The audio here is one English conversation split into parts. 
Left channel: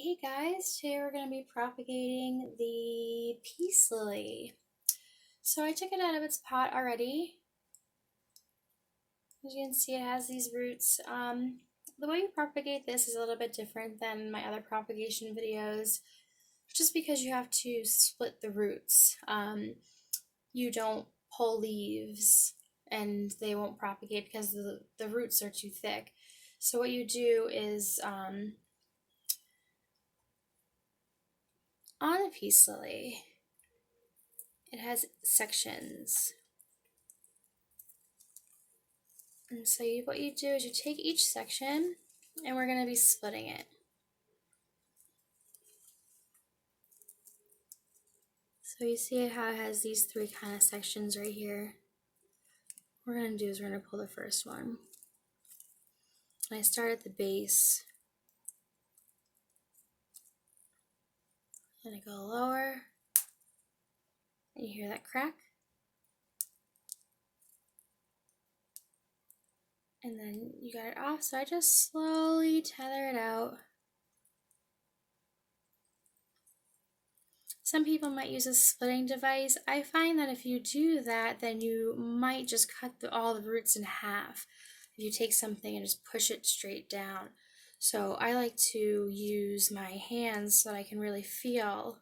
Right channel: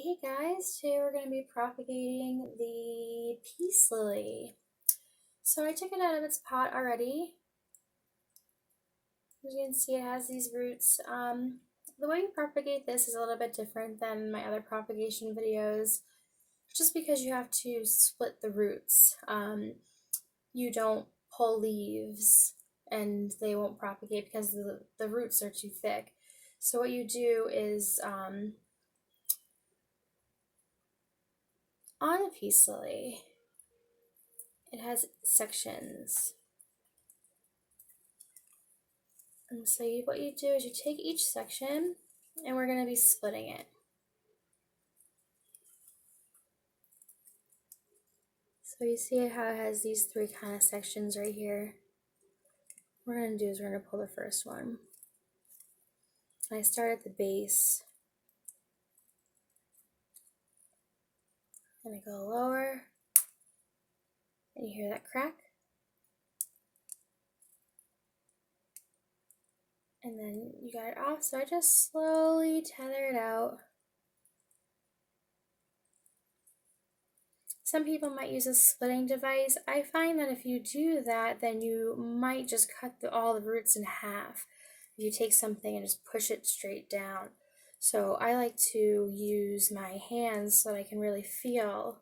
Hey guys, today we're going to be propagating the peace lily. So I took it out of its pot already. As you can see, it has these roots. The way you propagate this is a little bit different than my other propagation videos, just because you have to split the roots. You don't pull leaves and they won't propagate because the roots are too thick. So what you do is on a peace lily, it has sections. And so what you do is you take each section and we're going to be splitting it. So you see how it has these three kind of sections right here. What we're going to do is we're going to pull the first one. And I start at the base. And I go lower. And you hear that crack. And then you got it off, so I just slowly tether it out. Some people might use a splitting device. I find that if you do that, then you might just cut all the roots in half. If you take something and just push it straight down. So I like to use my hands so that I can really feel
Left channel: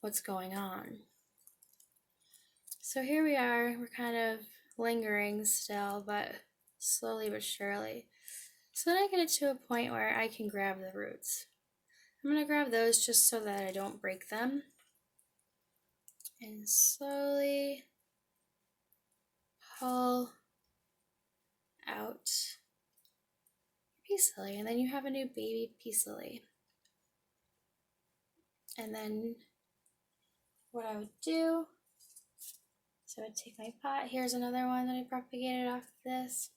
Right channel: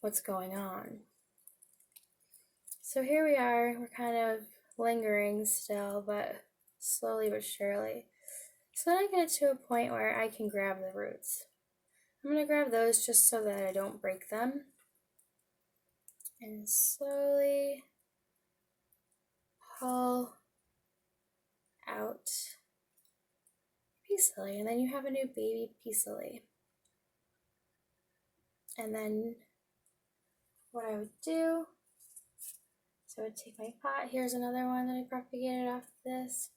what's going on. So here we are, we're kind of lingering still, but slowly but surely. So then I get it to a point where I can grab the roots. I'm going to grab those just so that I don't break them. And slowly pull out peace lily. And then you have a new baby peace lily. And then what I would do, so I would take my pot. Here's another one that I propagated off of this.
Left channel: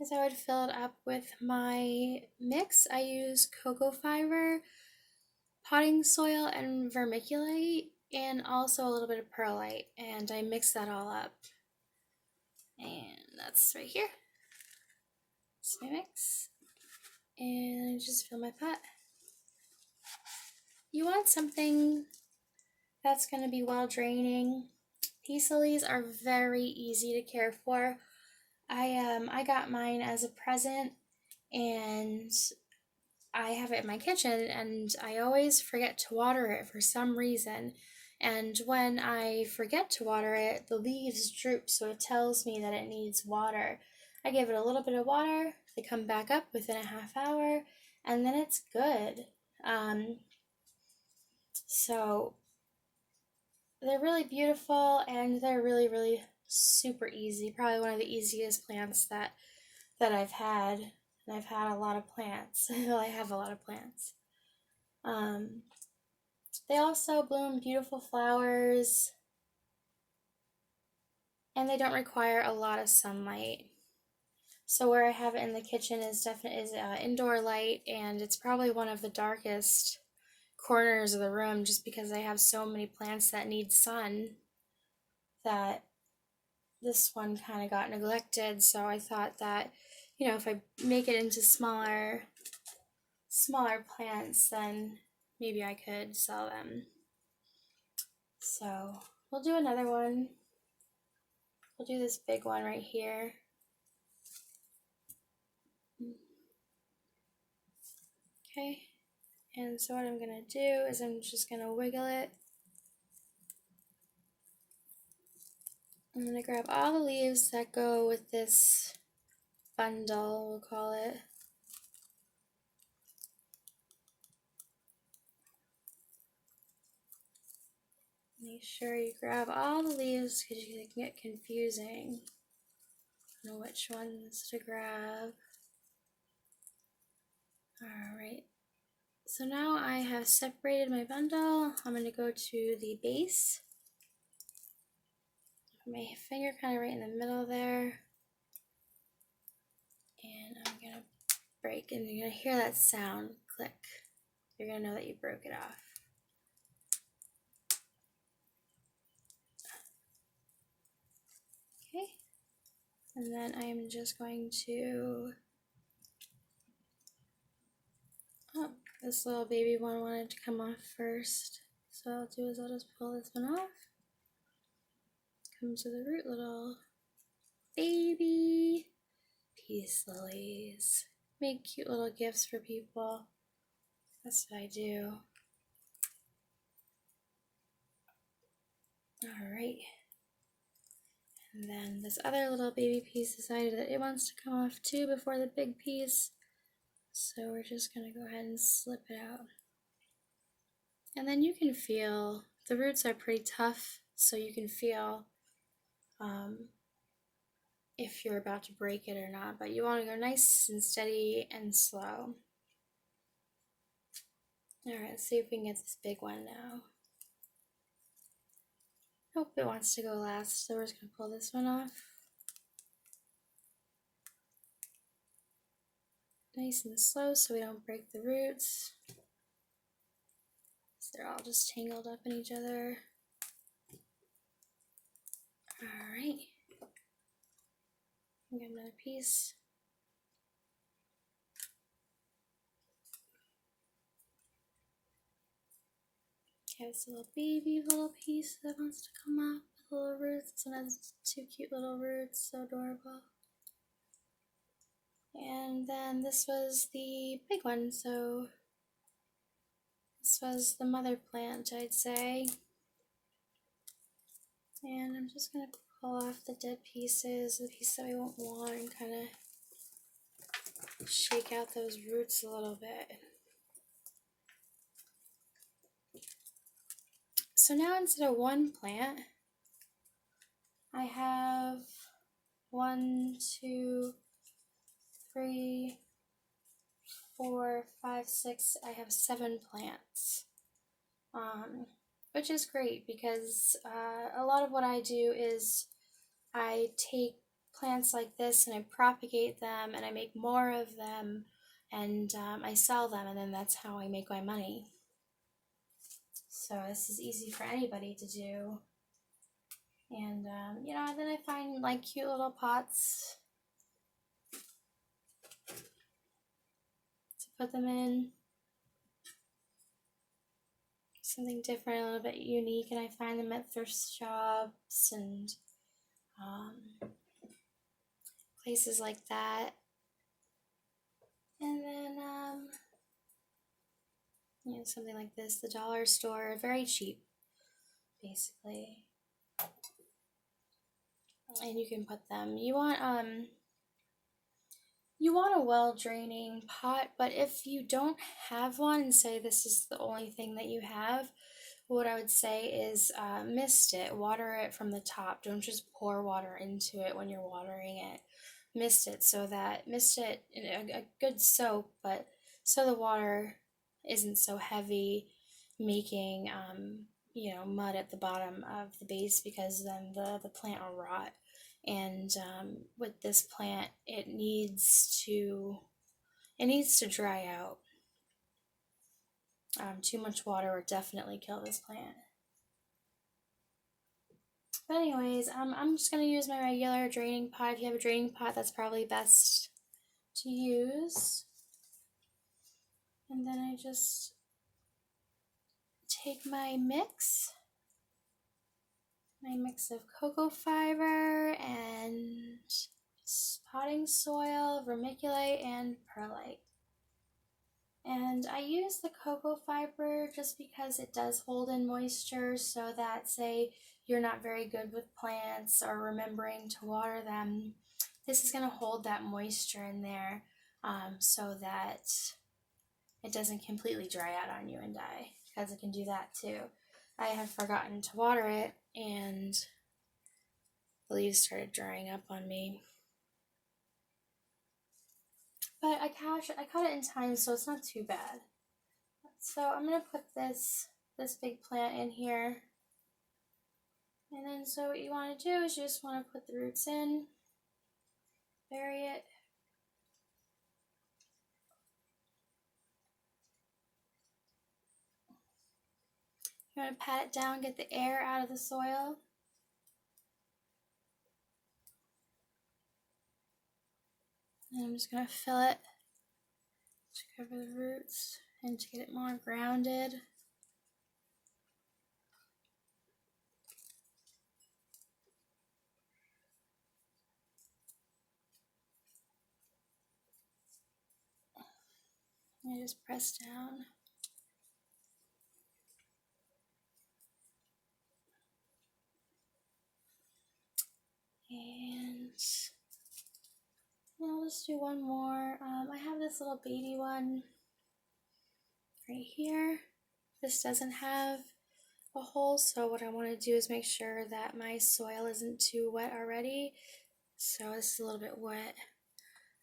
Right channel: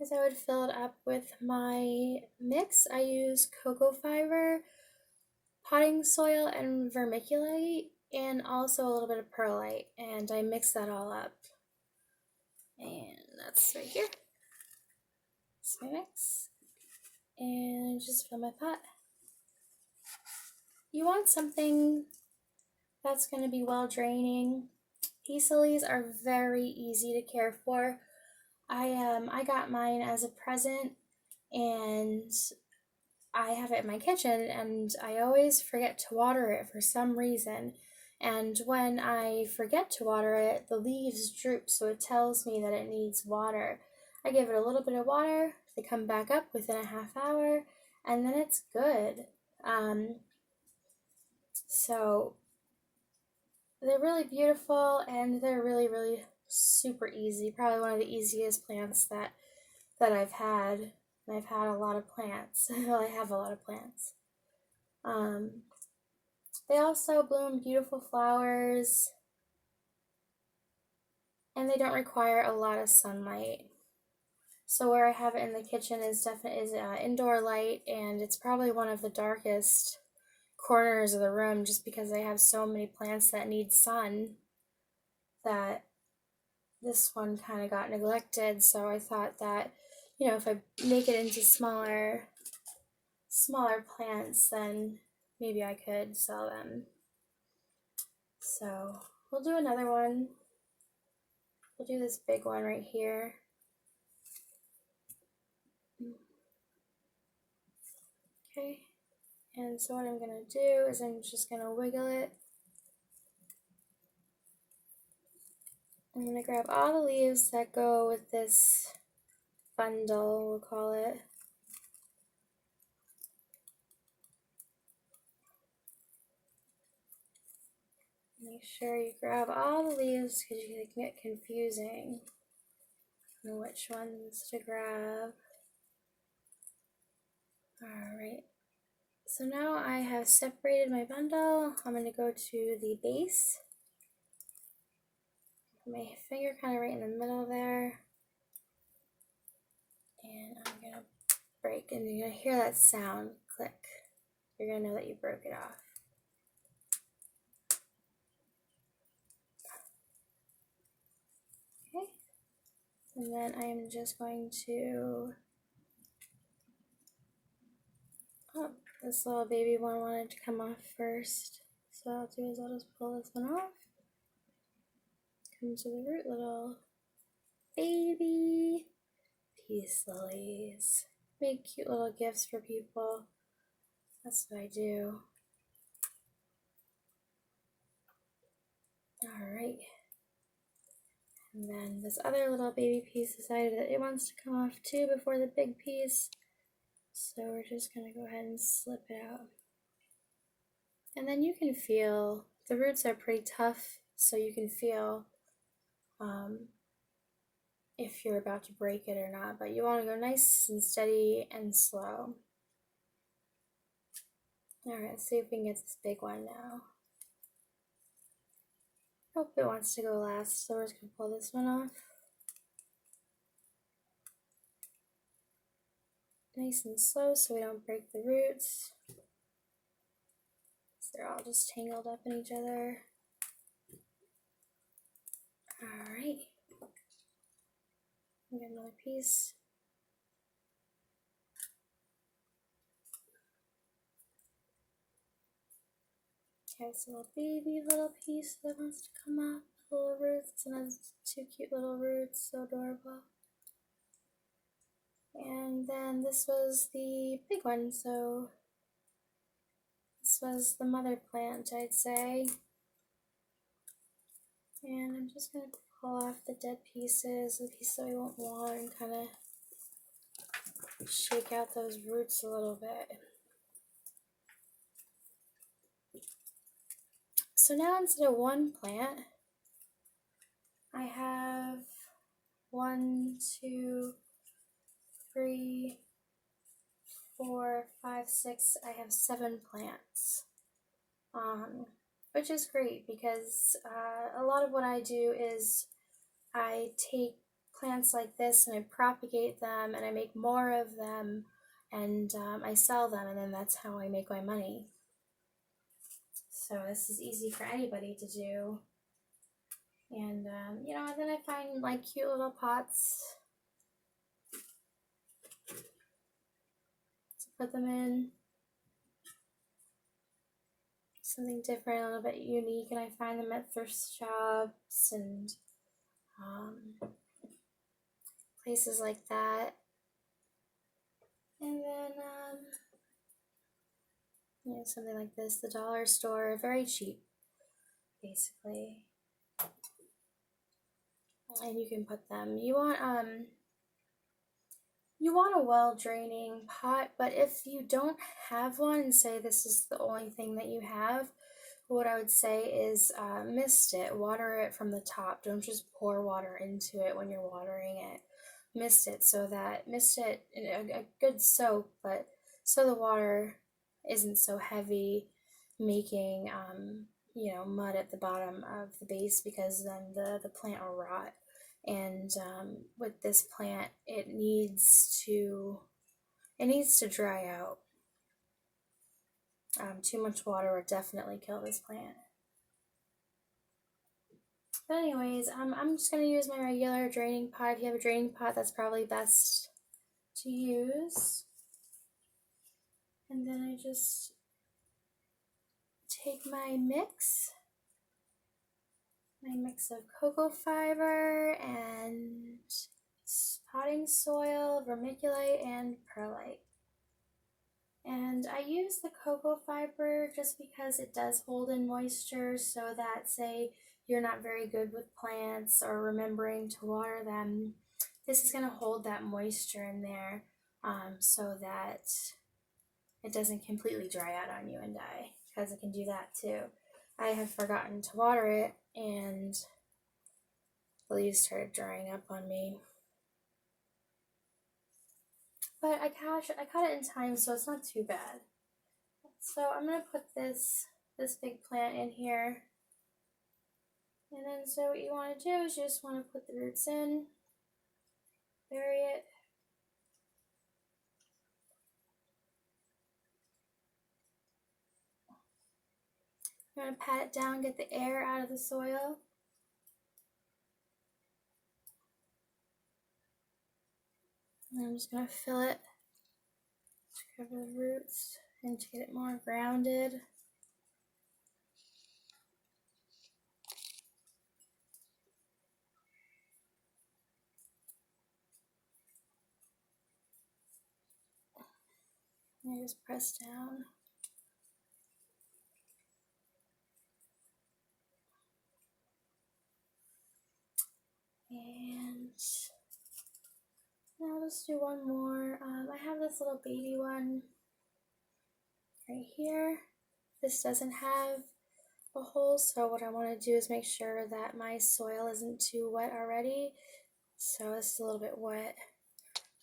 Is I would fill it up with my mix. I use cocoa fiber, potting soil, and vermiculite, and also a little bit of perlite. And I mix that all up. And that's right here. That's my mix. And just fill my pot. You want something that's going to be well draining. Peace lilies are very easy to care for. I got mine as a present, and I have it in my kitchen, and I always forget to water it for some reason. And when I forget to water it, the leaves droop, so it tells me that it needs water. I give it a little bit of water, they come back up within a half hour, and then it's good. So they're really beautiful, and they're really super easy. Probably one of the easiest plants that I've had. And I've had a lot of plants. Well, I have a lot of plants. They also bloom beautiful flowers, and they don't require a lot of sunlight. So where I have it in the kitchen is indoor light, and it's probably one of the darkest corners of the room just because I have so many plants that need sun that this one kind of got neglected. So I thought that, you know, if I make it into smaller plants, then maybe I could sell them. So we'll do another one. We'll do this big one right here. Okay, and so what I'm gonna do is I'm just gonna wiggle it. I'm gonna grab all the leaves that go with this bundle, we'll call it. Make sure you grab all the leaves because you can get confusing on which ones to grab. Alright, so now I have separated my bundle. I'm going to go to the base. Put my finger kind of right in the middle there. And I'm going to break, and you're going to hear that sound, click. You're going to know that you broke it off. Okay, and then I am just going to This little baby one wanted to come off first. So what I'll do is I'll just pull this one off. Come to the root, little baby peace lilies. Make cute little gifts for people. That's what I do. Alright. And then this other little baby piece decided that it wants to come off too before the big piece. So we're just going to go ahead and slip it out. And then you can feel, the roots are pretty tough, so you can feel if you're about to break it or not. But you want to go nice and steady and slow. Alright, let's see if we can get this big one now. Nope, it wants to go last, so we're just going to pull this one off. Nice and slow so we don't break the roots. So they're all just tangled up in each other. Alright. Get another piece. Okay, it's a little baby little piece that wants to come up with little roots, and has two cute little roots, so adorable. And then this was the big one, so this was the mother plant, I'd say. And I'm just going to pull off the dead pieces, the piece that we won't want, and kind of shake out those roots a little bit. So now instead of one plant, I have 1, 2, 3, 4, 5, 6, I have 7 plants, which is great because a lot of what I do is I take plants like this and I propagate them and I make more of them, and I sell them, and then that's how I make my money. So this is easy for anybody to do. And you know, then I find like cute little pots to put them in. Something different, a little bit unique, and I find them at thrift shops and places like that. And then you know, something like this, the dollar store, very cheap, basically. And you can put them. You want a well-draining pot, but if you don't have one and say this is the only thing that you have, what I would say is mist it, water it from the top. Don't just pour water into it when you're watering it. Mist it in a good soak, but so the water isn't so heavy, making you know, mud at the bottom of the base, because then the plant will rot. And with this plant, it needs to dry out. Too much water would definitely kill this plant. But anyways, I'm just going to use my regular draining pot. If you have a draining pot, that's probably best to use. And then I just take my mix of cocoa fiber and potting soil, vermiculite, and perlite. And I use the cocoa fiber just because it does hold in moisture, so that, say you're not very good with plants or remembering to water them, this is going to hold that moisture in there, so that it doesn't completely dry out on you and die, because it can do that too. I had forgotten to water it, and the leaves started drying up on me. But I caught it in time, so it's not too bad. So I'm going to put this big plant in here. And then so what you want to do is you just want to put the roots in, bury it. You want to pat it down, get the air out of the soil. And I'm just going to fill it to cover the roots and to get it more grounded. I just press down. And I'll just do one more. I have this little baby one right here. This doesn't have a hole, so what I want to do is make sure that my soil isn't too wet already. So this is a little bit wet.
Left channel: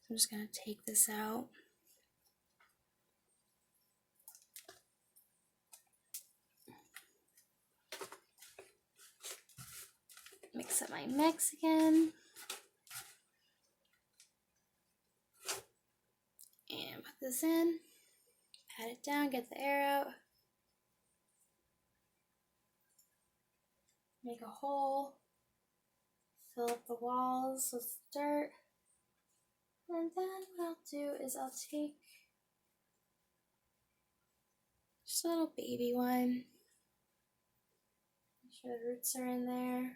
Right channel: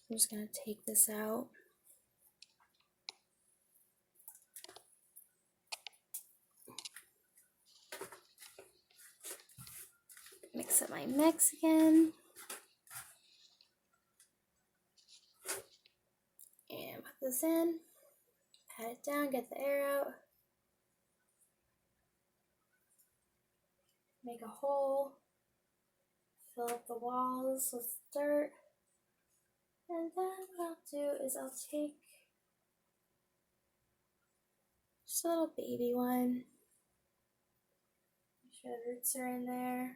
I'm just going to take this out. Mix up my mix again. And put this in. Pat it down, get the air out. Make a hole. Fill up the walls with dirt. And then what I'll do is I'll take just a little baby one. Make sure the roots are in there.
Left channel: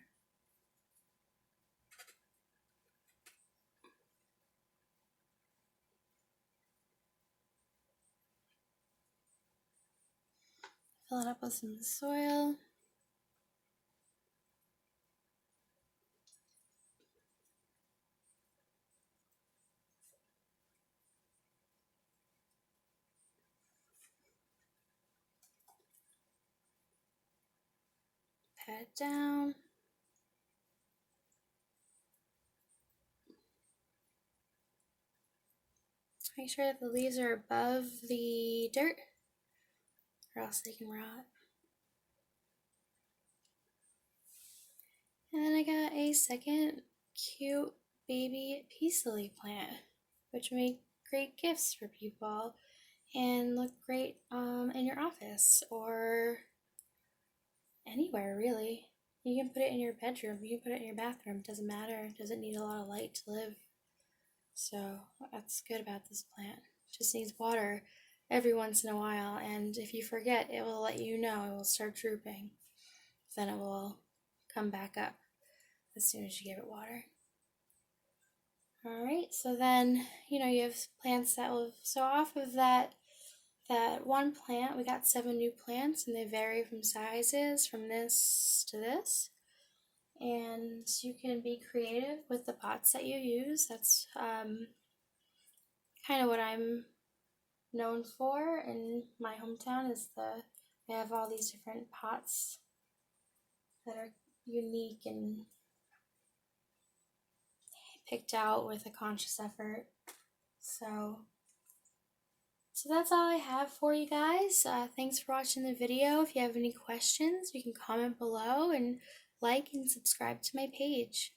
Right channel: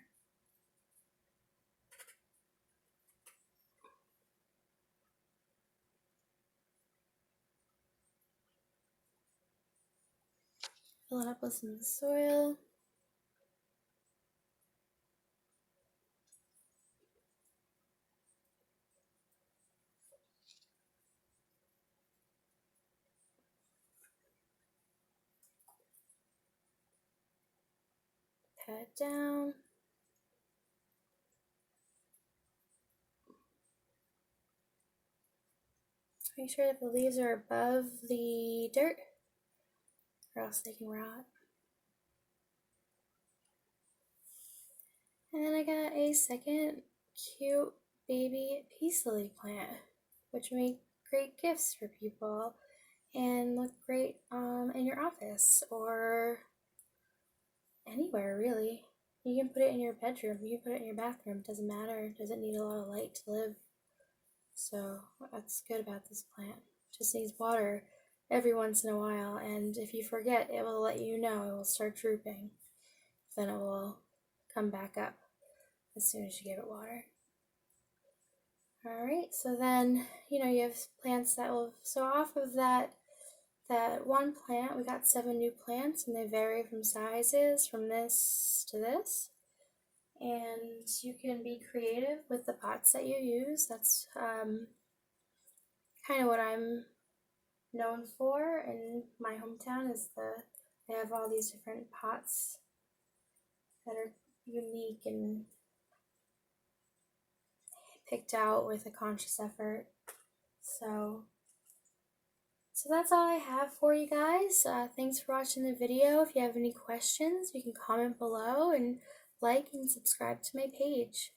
Fill it up with some soil. Pat it down. Make sure that the leaves are above the dirt, or else they can rot. And then I got a second cute baby peace lily plant, which make great gifts for people and look great in your office or anywhere really. You can put it in your bedroom, you can put it in your bathroom, it doesn't matter, it doesn't need a lot of light to live. So that's good about this plant. It just needs water every once in a while, and if you forget, it will let you know. It will start drooping. Then it will come back up as soon as you give it water. Alright, so then, you have plants that will, so off of that one plant, we got 7 new plants, and they vary from sizes, from this to this. And you can be creative with the pots that you use. That's kind of what I'm known for in my hometown, is I have all these different pots that are unique and picked out with a conscious effort. So that's all I have for you guys. Thanks for watching the video. If you have any questions, you can comment below and like and subscribe to my page.